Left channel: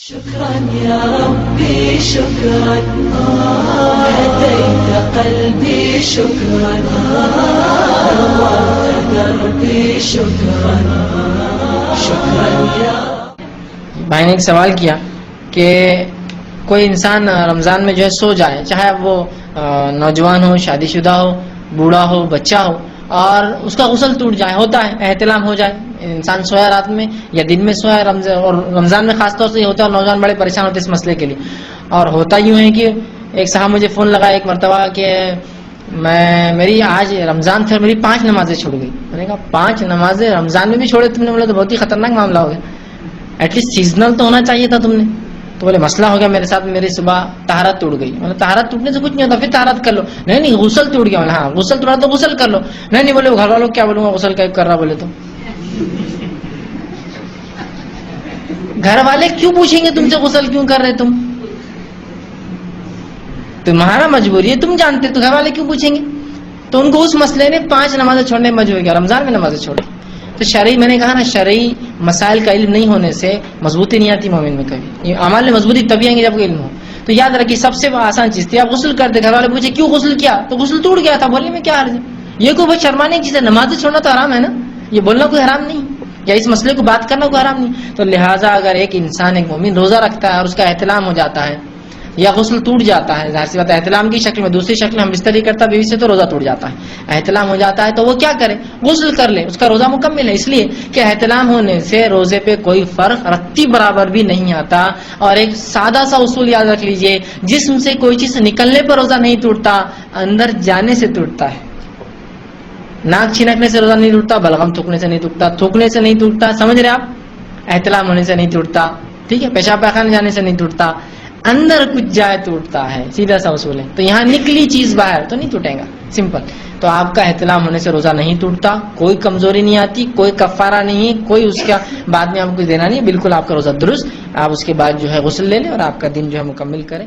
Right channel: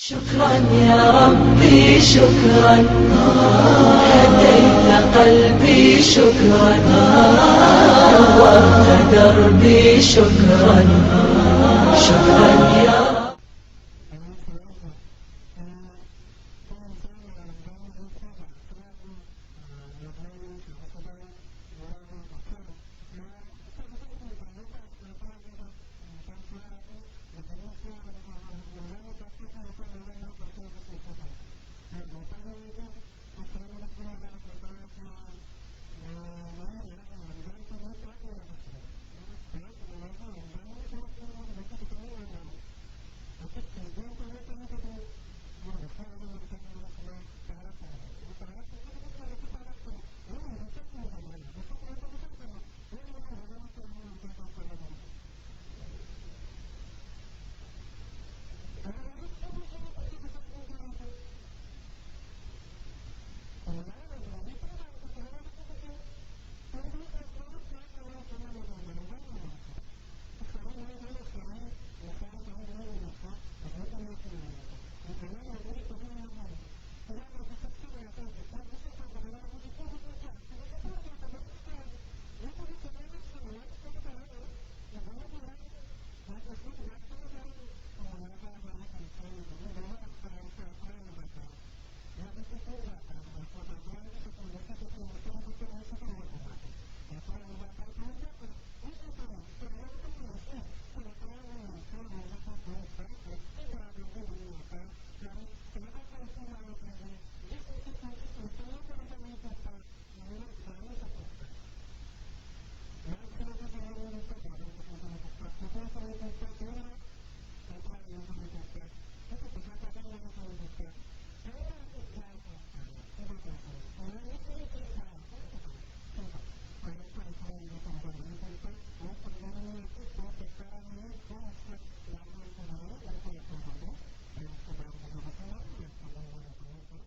شكرا يا ربي شكرا هديت قلبي شكرا نورت دربي شكرا شكرا يا بھائی نے ایک سوال کیا کہ کوئی انسان رمضان میں جو ہے سو جائے، چاہے اب وہ نوجوان ہو، شادی شدہ ہو، بوڑھا ہو، بچہ ہو، اور اس کا غسل ٹوٹ جائے، ہوتا ہے احتلام ہو جائے، انسان سویا رات میں یا دن میں سویا، اور رمضان میں خاص طور سے یہ ہوتا ہے، اور نوجوان بڑے پریشان ہوتے ہیں اس مسئلے کے لیے. اور ہوتا یوں ہے کہ ایک صاحب مجھے فون لگا ایک مرتبہ کہ میری آج رمضان تھا، میری 5 نمازیں چھوٹ گئی. میں نے کہا 5 نمازیں رمضان میں بھی چھوڑے تم نے؟ بولے تو بہت ہی خطرناک معاملہ ہو گیا، ایٹ لیسٹ سیزنل تو ہونا چاہیے تھا تم نے. تو بولے مسئلہ ہو گیا میرے ساتھ، میری صبح طہارت ٹوٹ گئی. مطلب طہارت ٹوٹنے سے کچھ نہیں ہوتا، پھر طہارت کر لو. نہیں غسل ٹوٹ گیا. ہاں غسل ٹوٹا تو غسل کر لو. نہیں بولے گھر والوں کیا بولوں گا غسل کر رہا، بولے تو گھر والے کیوں پوچھیں گے تم سے غسل کیوں کر رہے تم؟ تمہارا مجبوری ہے، تم جانتے، تو گھر والے کیوں پوچھیں گے؟ تو ان کو اس مسئلے نے 5 نمازیں چھوڑنے میں مجبور کیا، رمضان میں نمازیں چھوڑی. تو شرعی، میں نے کہا نا، شرعی مسائل کا علم نہیں ہونے سے مضبوطی نہیں آتی مومن میں. کبھی اعمال میں مضبوطی تبھی آئیں گی جب کوئی علم ہو. تو یاد رکھیے سب سے آسان چیز تھی، آپ غسل کرتے، گھر والے پوچھے کیوں غسل کیا، تو غسل ٹوٹ گیا تھا، بولنے میں کیا حرج ہے؟ یہ کوئی بہت شرمانے کی چیز ہے. نمازیں چھوڑنا تو حرام ہے نا، یہ بولنا کوئی حرام نہیں، یا اس مسئلے کو بات کرنا کوئی حرام نہیں. تو لہٰذا اگر ایک انسان، ایک مومن روزہ رکھتا ہے اور اس کا احتلام ہو جاتا ہے یا غسل ٹوٹ جاتا ہے، ظاہر سی بات ہے احتلام کی شکل میں، دوسری شکل میں ہم بستری کرتا بیوی سے تو روزہ ٹوٹ جاتا ہے. احتلام ہو جاتا ہے تو وہ کیا کرے؟ غسل کر لے، اس کا روزہ مکمل ہے. اس لیے کہ احتلام ہونے سے روزے پہ کوئی فرق رتی برابر بھی نہیں آتا. اور ایک سادہ سا اصول یاد رکھ لیجئے، جسم سے کوئی چیز نکلنے پر روزہ نہیں ٹوٹتا، اندر جانے سے ٹوٹتا ہے. ناک چھنکنے سے روزہ نہیں ٹوٹتا، بلغم تھوکنے سے نہیں ٹوٹتا، تھوکنے سے نہیں ٹوٹتا، سمجھ رہے آپ؟ احتلام ہونے سے نہیں ٹوٹتا، ٹھیک ہے، پیشاب پاخانے جانے سے نہیں ٹوٹتا، اندر کچھ جائے ٹوٹتا ہے. سیدھا سا اصول ہے. تو یہاں نکلی چیز باہر تو نہیں ٹوٹے گا، سمپل. تو آپ کا احتلام ہونے سے روزہ نہیں ٹوٹتا، کوئی کمزوری نہیں آتی، کوئی کفارہ نہیں، کوئی اس کا بعد میں آپ کو دینا نہیں، بالکل آپ کا روزہ درست. آپ اس کے بعد جو ہے غسل لے لیں اور آپ کا دن جو ہے مکمل کریں.